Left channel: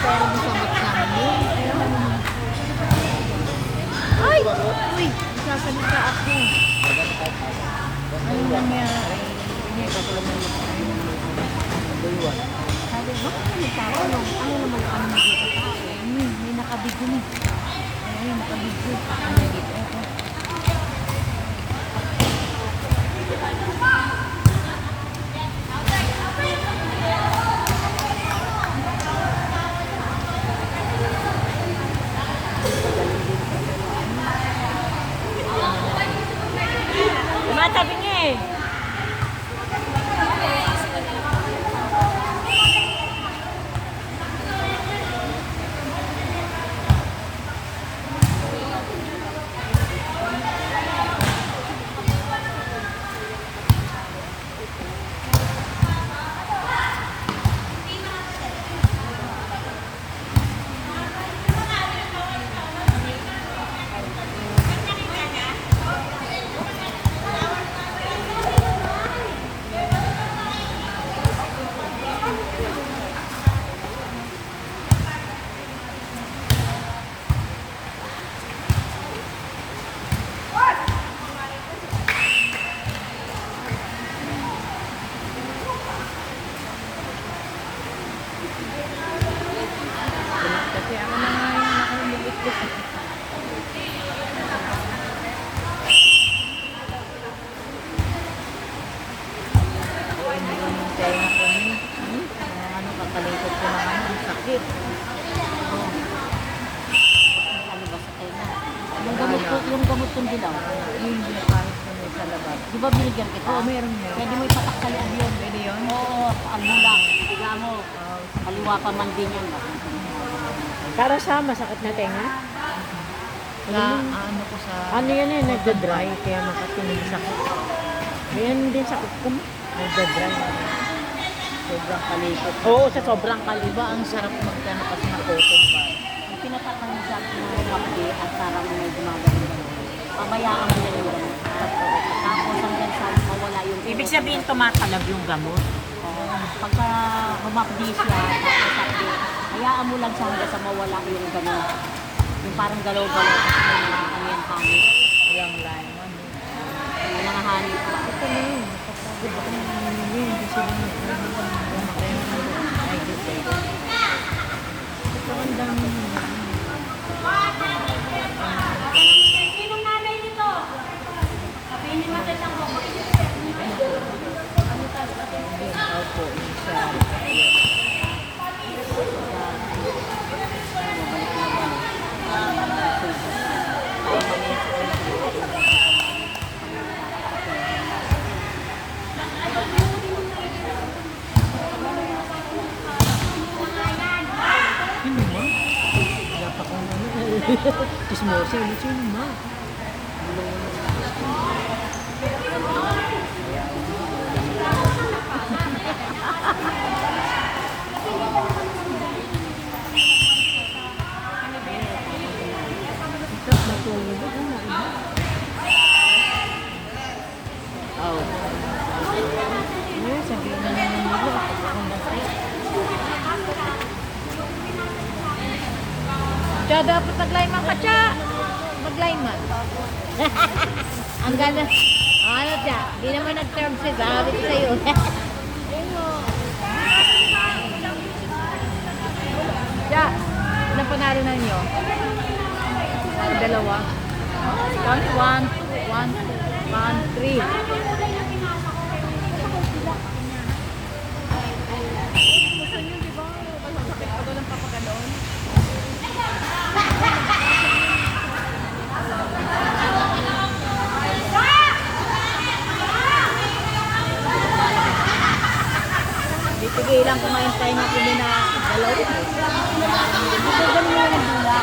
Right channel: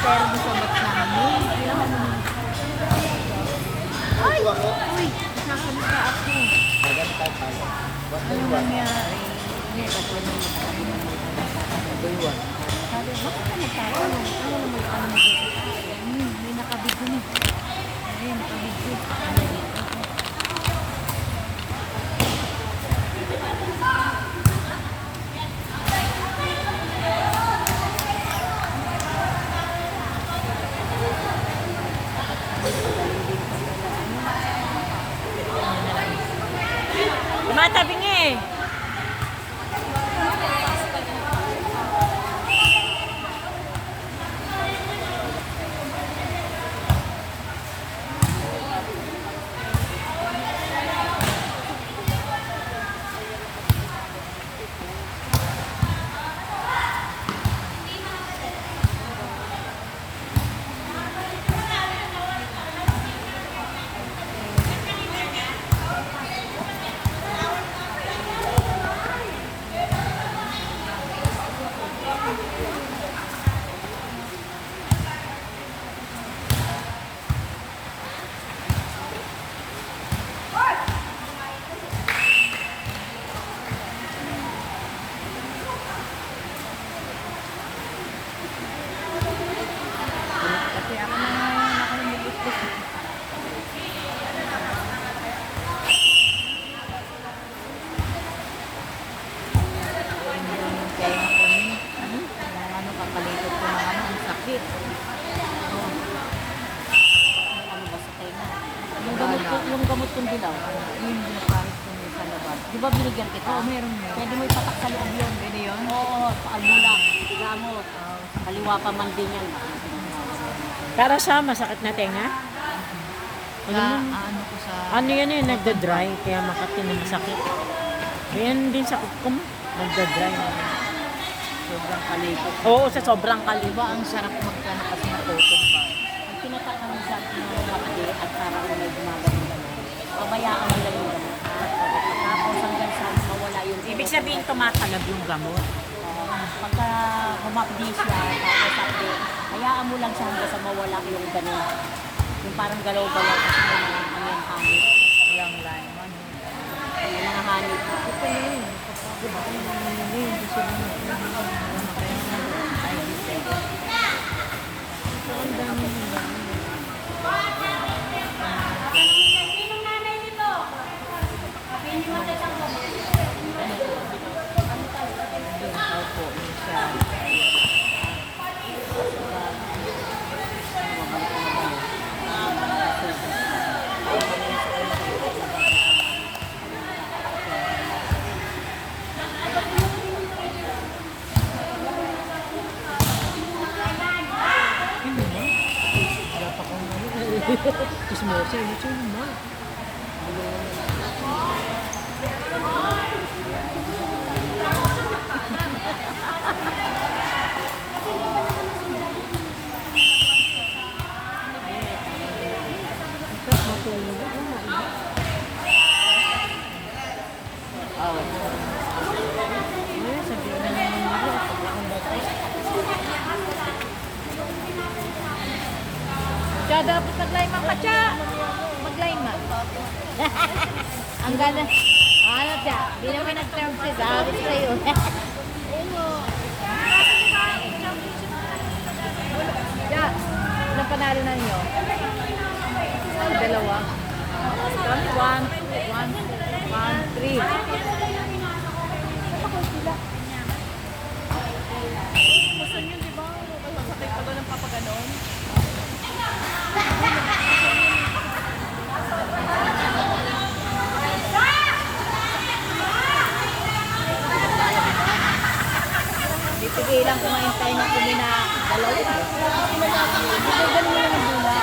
pero mo sa mat namin. Ay! Uy! Sasalita ako. Ano nangyari? Hindi ka pa naman tayo. Sabi, bakit naman tayo? Ano naman ano magkakatao? May nakabidyo ni. Ay, nakabidyo. Ano dito? Tumatabi niya eh. Kasi ako na nga yung nakalimulit ko. Yung tenga ko ni. Yung ano, kakalikot ko ng ano, ang sakit. Oh. Ano ba sa na? Yung gamot kong dilaw. Yung binapahit ko niya sa labas. Di ba binigyan kita? Oo, meron mo. Pwede mo ipatak sa loob yun. Pwede yun? Oo, paalula. Tiga mo. Kaliwa pa man din yun. Para sa masakit na tenga? Ano ko sa... Ano yan eh, nagda-dry, kaya makatingin sakit. Ganyan din sakit ko mo. Nagda-dry. Sobrang kalikot. Oo, sa sobrang kalikot. Diba ang sarap magkano kasi na cotton bud? Ang tinatakan mo sa akin ng makdi at parang may gumagano gano'n. Pabayaan mo lang yung gamot. Tapos hanggang sa mawala yung... Ibig sabihin tumatalab yung gamot. Pagka humapdi siya, tapos sabi, hayaan mo lang siya hanggang sa mawala yung gano'n. Yung parang galaw-galaw kasi may mga ano yung hanit. Walang lemon. May mga hanit ba? Ito na yun. Kapag ako nangyayari, hindi sila Ay, di pwede. ito ang dami nila. Inom nanay nito. Sabi ni Matatang ko. Opo, siya. Ano ba? Wala pa kong ano. Chismosa, ano ba? Oh. Sabihin na naman nila. Kaya dapat naglayman ka siya. Maglayman. Ang gana. Ano siya? Di naman nag-term siya. Sabi ko sa'yo. Siya. Ilang panalo na niyo? Dalawa. 1, 2, 1, 3. Sige lang kumain tayo na kung na dalaw. Di ba ganun lang yung dula?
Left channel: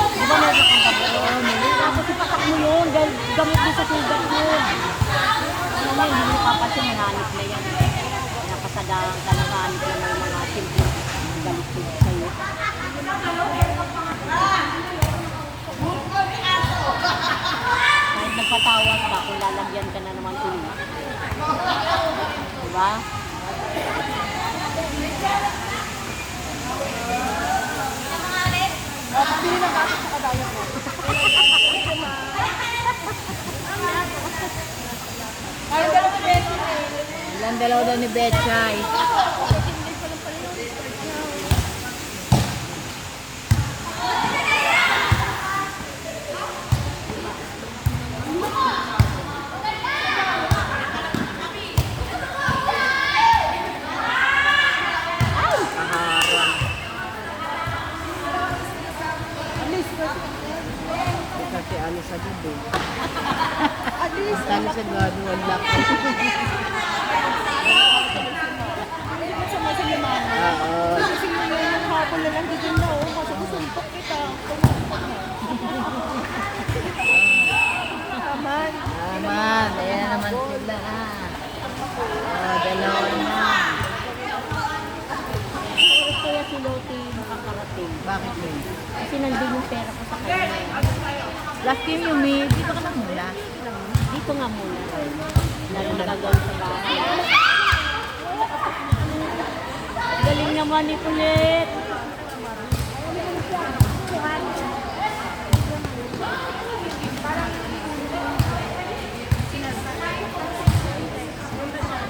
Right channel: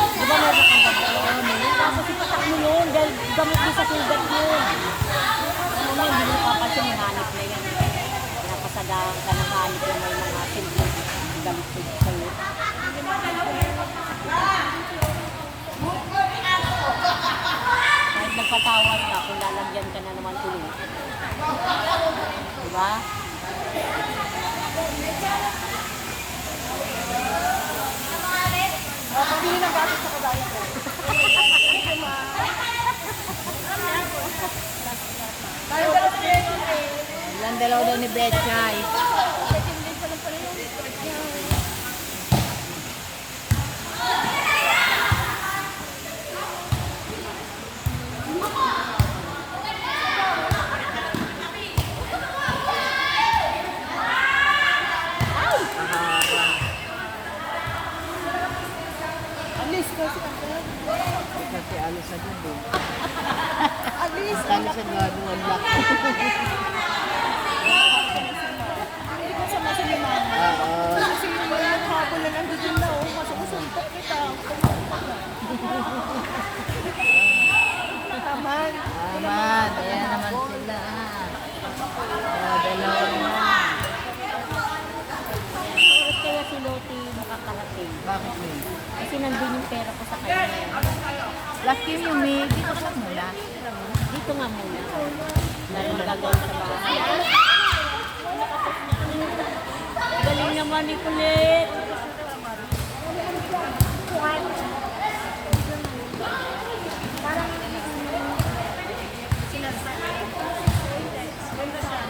Di ba meron kang gabon? Tapos ipatak mo yun dahil gamot mo sa sugat yun. Ano yun, hindi mo papansin yung hanip na yun. Napasadaan ka ng hanip na may mga silbi. Gamot mo sa'yo. Kahit nagpatawas ka, kung lalagyan ka na naman ulit. Diba? pabili ng gatas sa kagaya ko. Ilang dalaw daw ni Betchay. Kasi alis sa dulo. Alis sa gado, wala. Oo. Aman, ayan naman sila. Dalawa na. Kaya si Loti nakakarating. Bakit yun? Kasi nandun yung pera ko sa kanya. Last year yung May, dito ka lang mula. Dito nga muna. Nalagay sa bahay. Galing naman ni Kulit.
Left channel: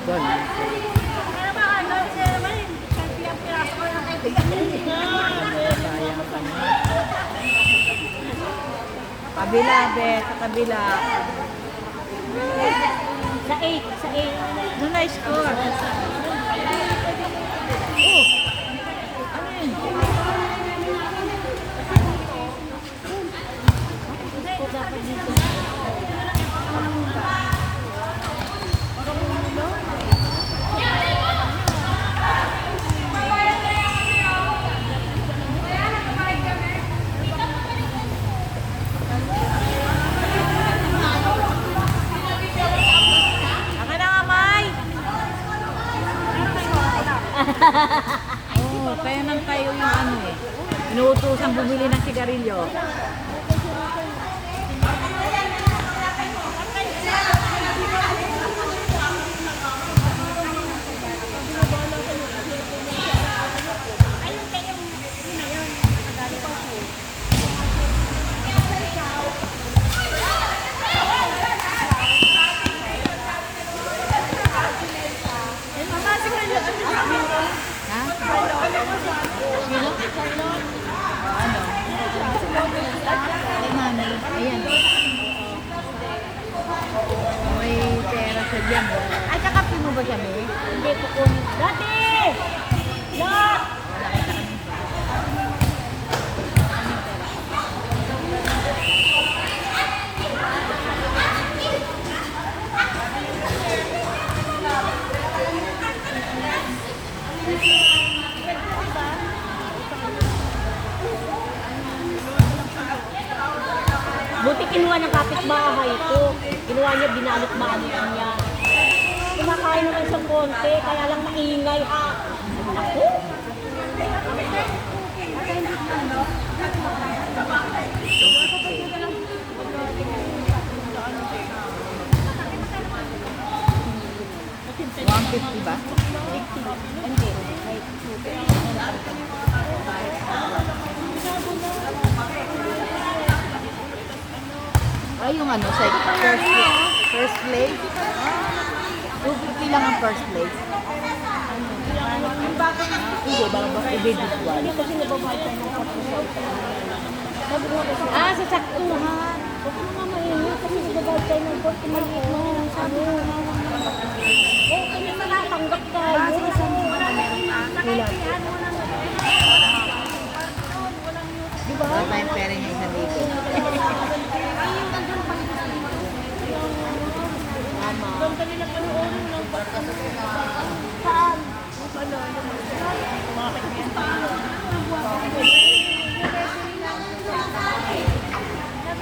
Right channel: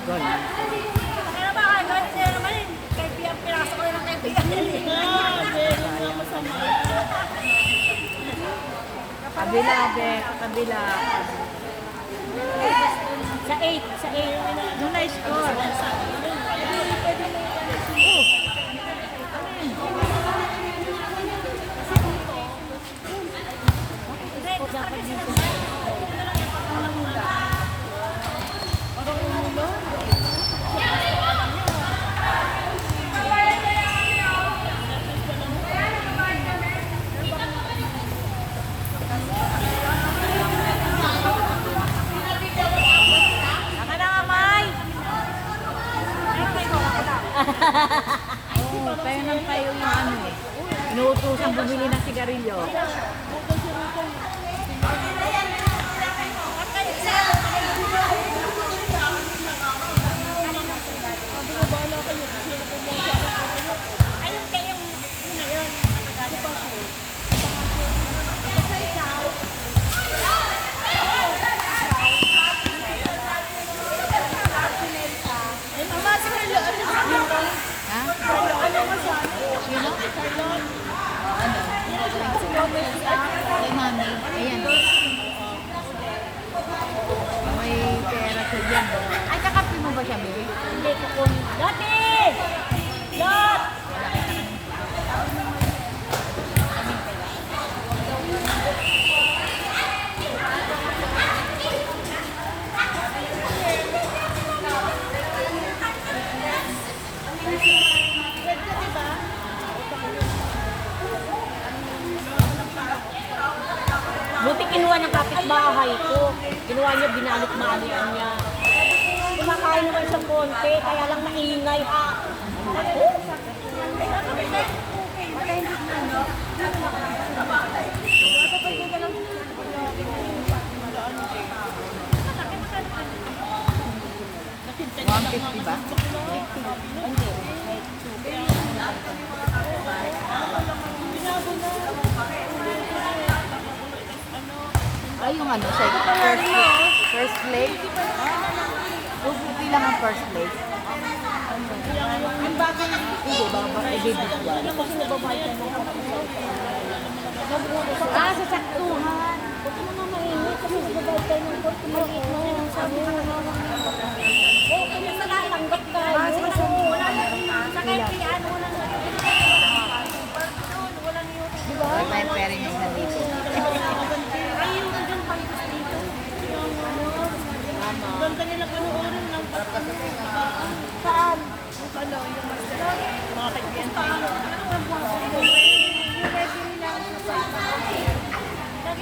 Gone. Sayang kami. Kabila, be, sa kabila. Sa 8, sa 8. Doon na-score. Oh! Ano yun? O dapat dito. Aka na nga, May! Oo, kaya nang tayo yung ano eh. Inuutusan bumili ng sigarilyo. Ha? Sino? Ano? Ay, mami. Ayan. May pera sa dyan. Ay, kakapi mo ba siya, May? Hindi ko kung... Dati! Lot! Oo, nakita ka nito. Buti kinuha ng kapitbahay ko. Kinuha niya, binalik-balikan niya. Kumakain naman sa konti, kaya lang maingay ha. Ako? $150 ba? Ay, yung ano, first place. 250 lang ang first place. Hindi, baka i-debitual. Kasi nababayad ka ng sa saktuhan. Huwag mo na mainit kasi nababayad ka ng korte mo. Sabi mo, kung natanggap tayo. Wala. Diba? Wala tayong pera niya $1,000. Mama. Saan?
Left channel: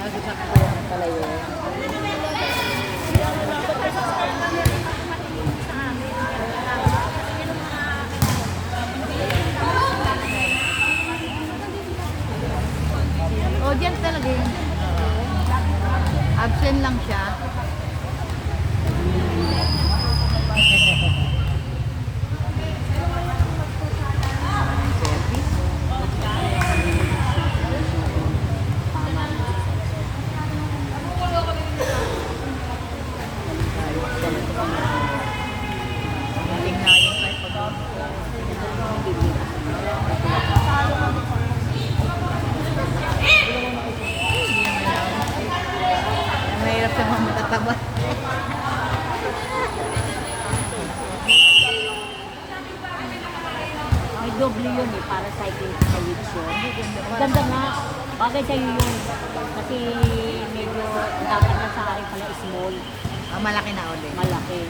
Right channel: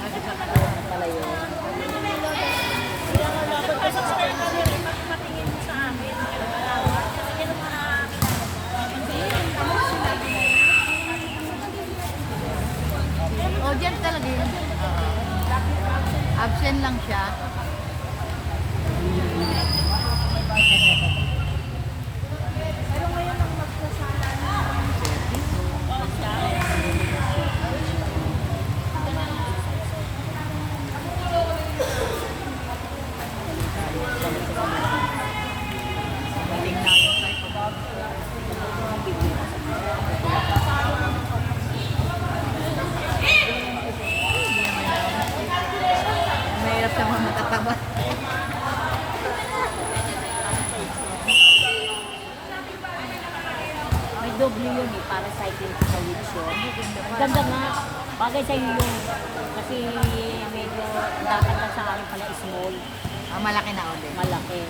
Kasi saktuhan pala yun. O, dyan talaga yun. Absent lang siya. W yun eh, para cycling sa wheels yun. Ganda, Ganda nga. Bagay sa iyo yun. Kasi medyo dati na sa akin pala small, Malaki na ulit. malaki.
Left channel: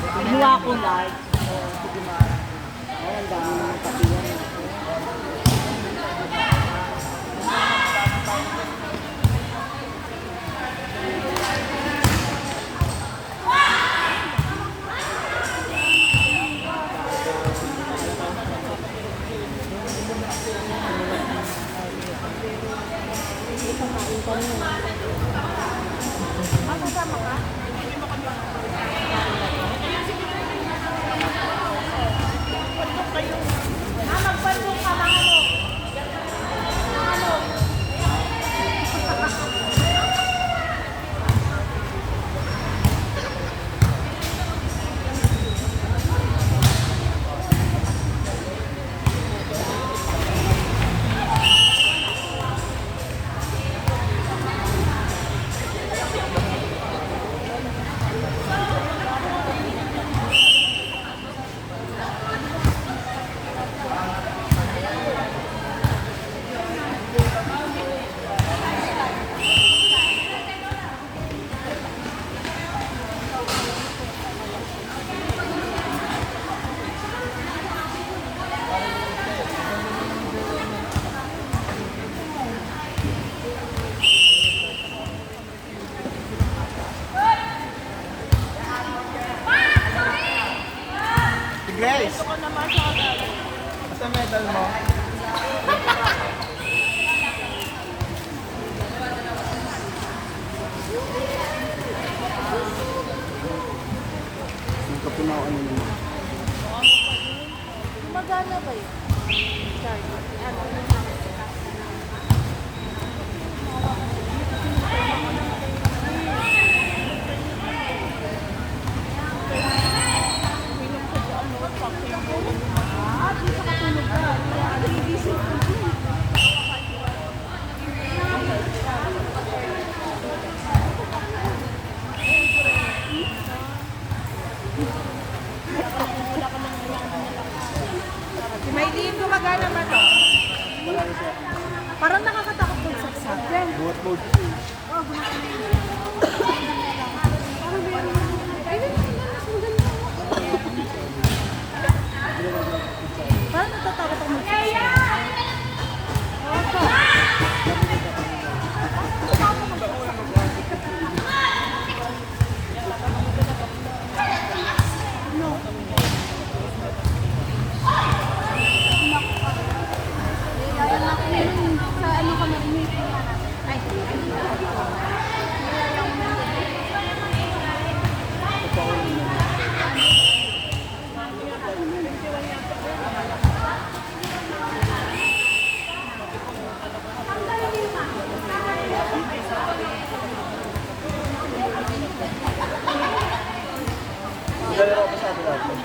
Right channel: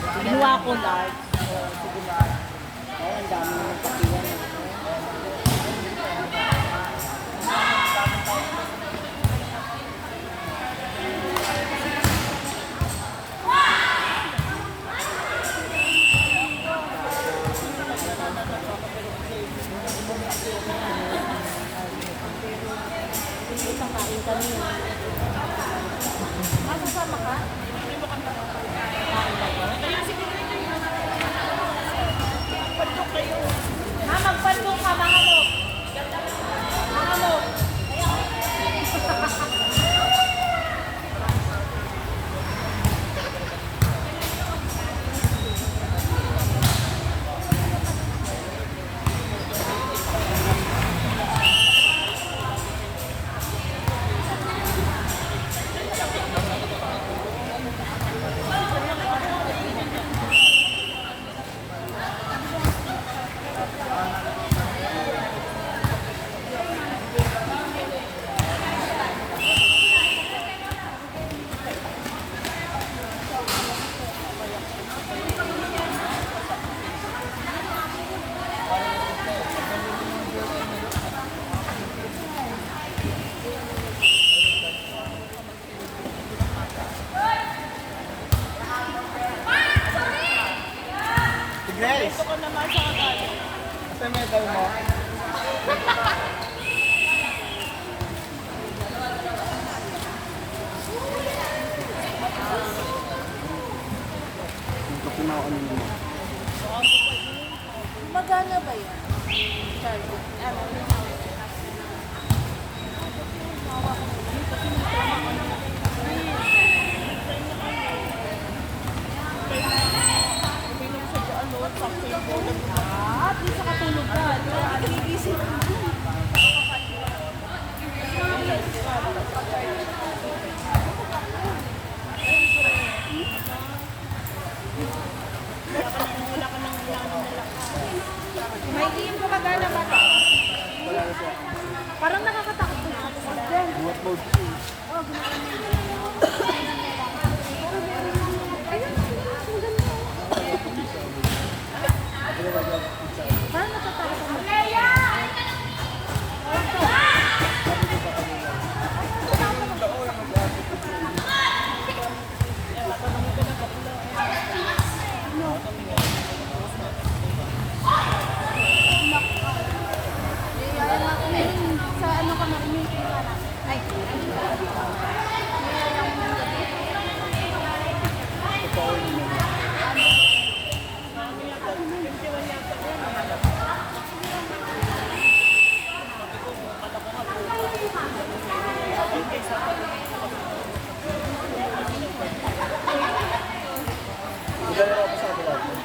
Buti na Ginawa lang ko eh. large. So, sige na. Ay, ang dami naman pati yan. Ito kain kami. Grace! Sa medal mo? Yung kapunaw ano naman? Magana ba yun? May diin mo magana man. Wala na siya. Parang nakakatakot sa sakyan. Buhat mode. Parang natatakot mo. Kaya nga ako meron sa ano kami meeting nga namin. Ay, kaya mo Totoo naman. Siguro ako sa atin natin.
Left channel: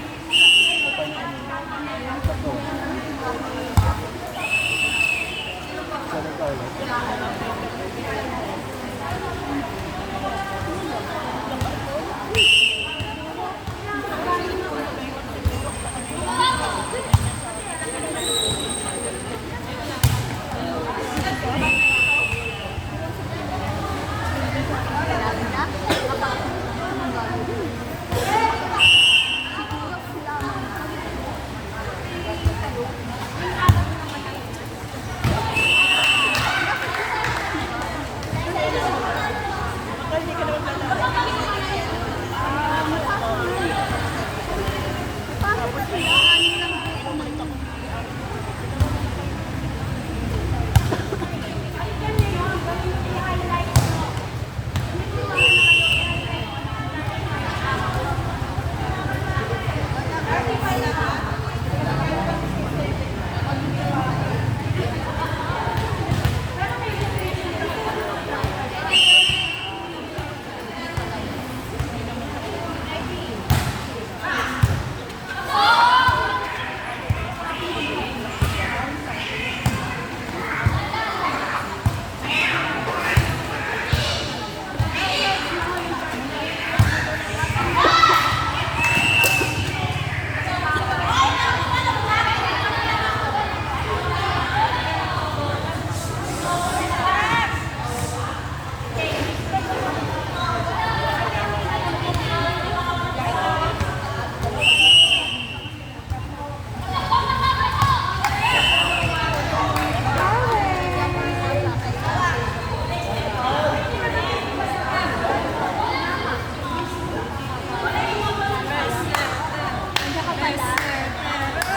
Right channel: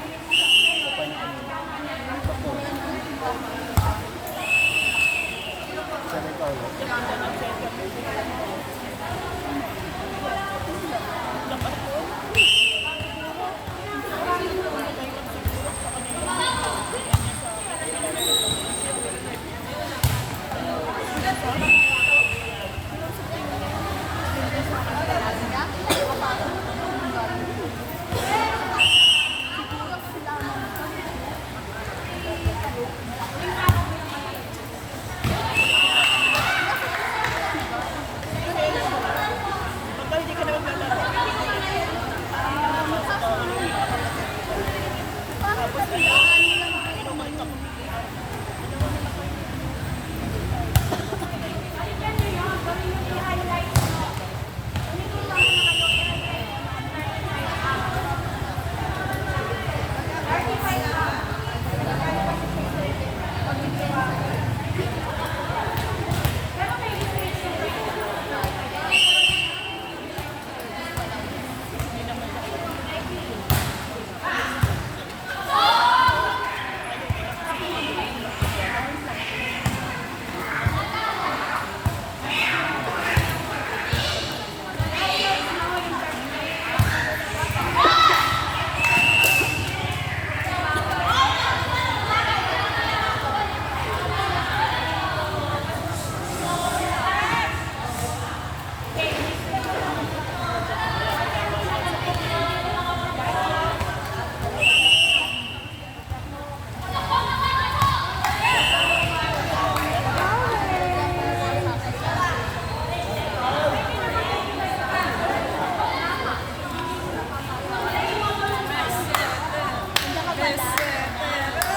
Sana tayo.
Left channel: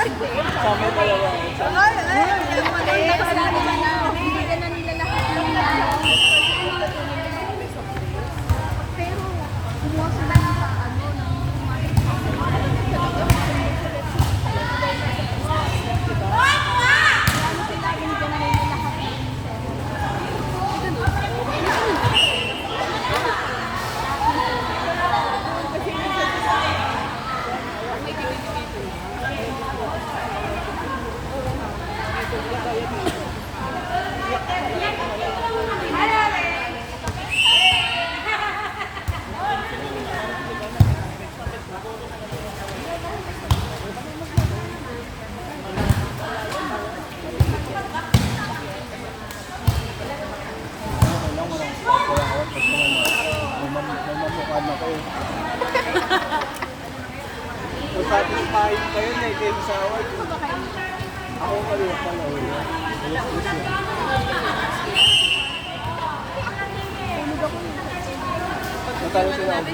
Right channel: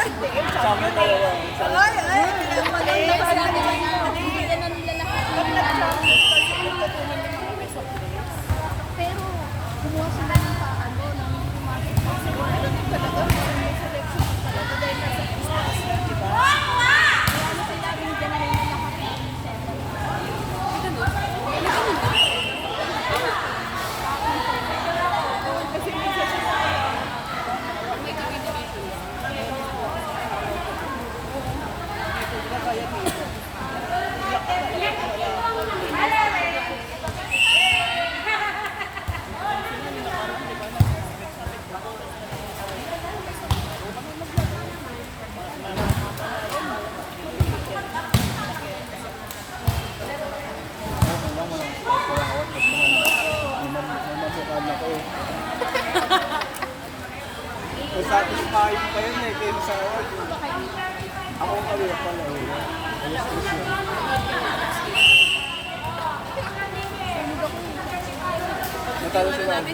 Sa amin dalawa. Bibigyan na nila lahat ng ano. Pero, kumuha sila ng ano, ng Satisfying pa yun eh, kayo sa awal. Ako kaliwa pala. Alas 10 yun. Natalo sila ako.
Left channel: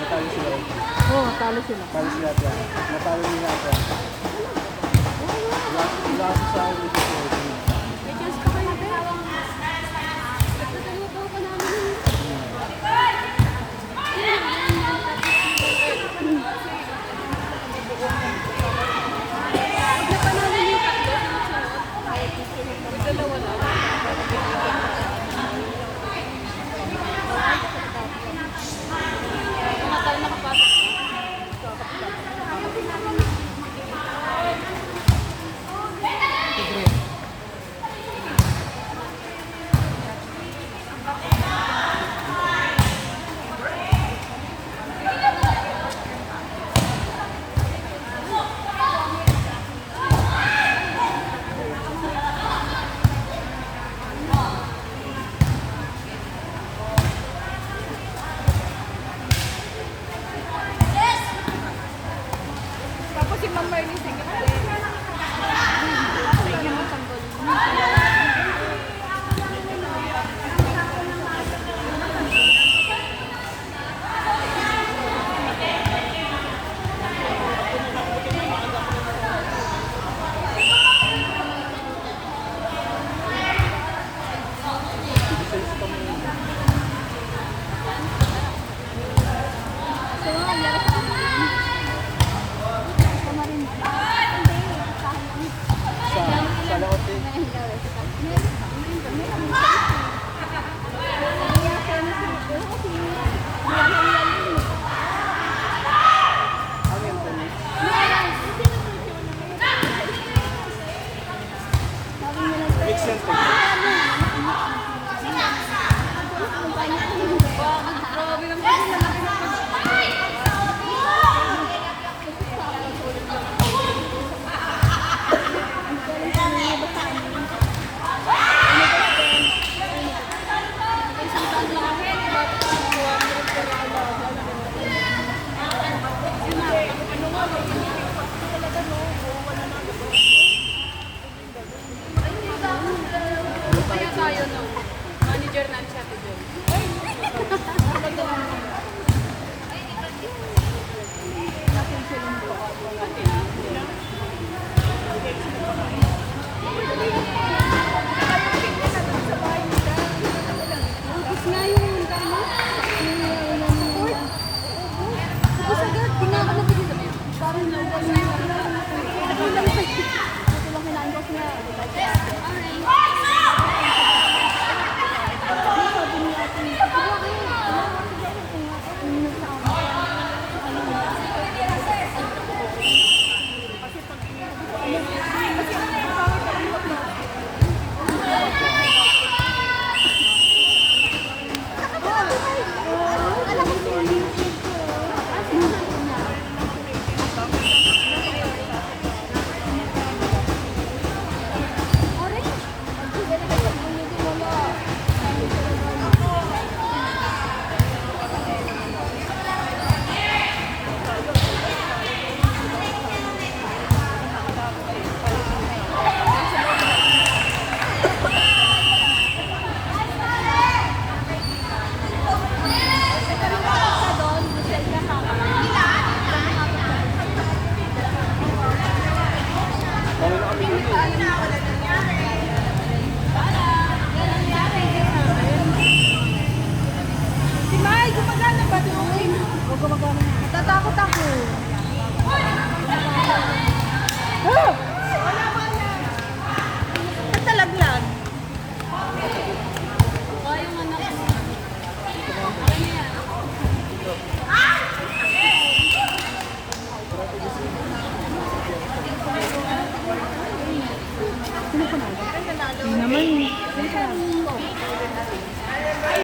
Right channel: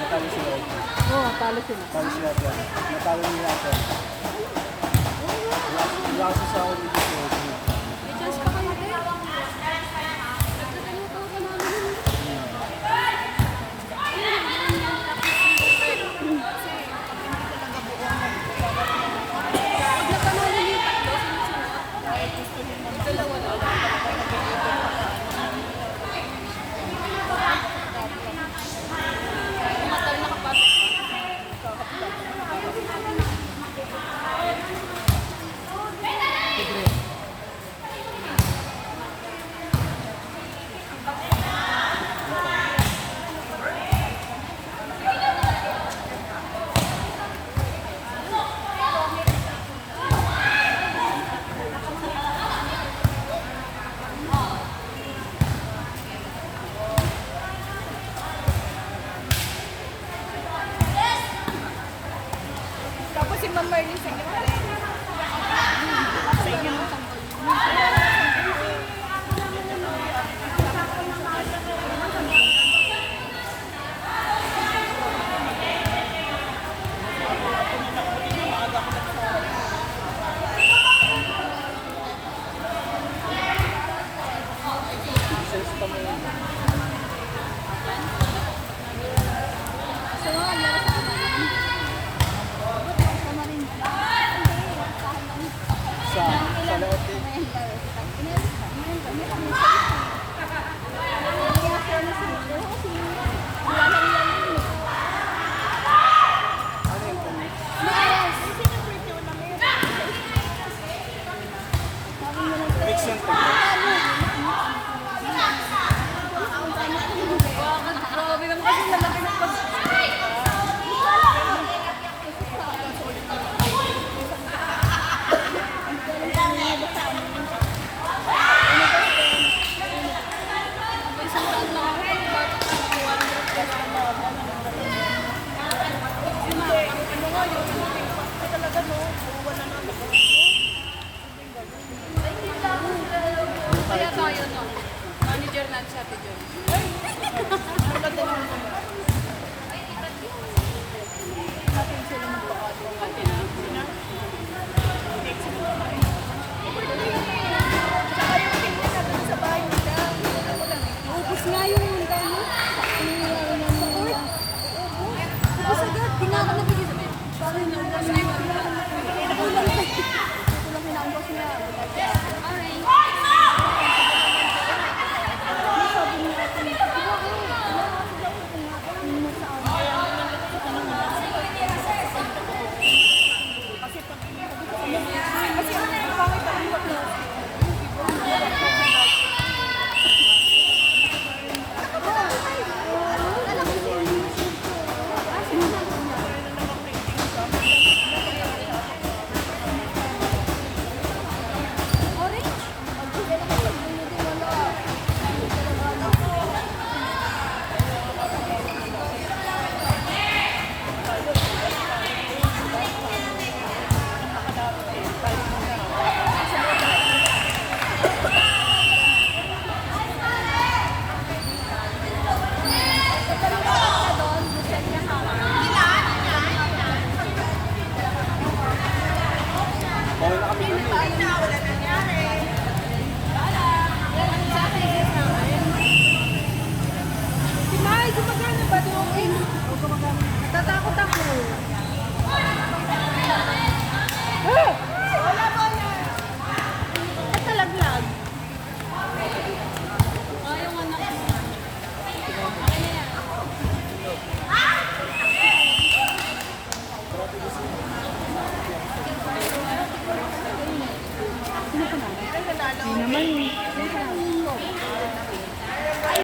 Natalo sila ako. Oo, talo sila. Natalo sila ako. Natalo nila ako. Wala kasi sa awal dito sa awal. Si Mai, gumagana ba? O gumagana. Tatakot ako.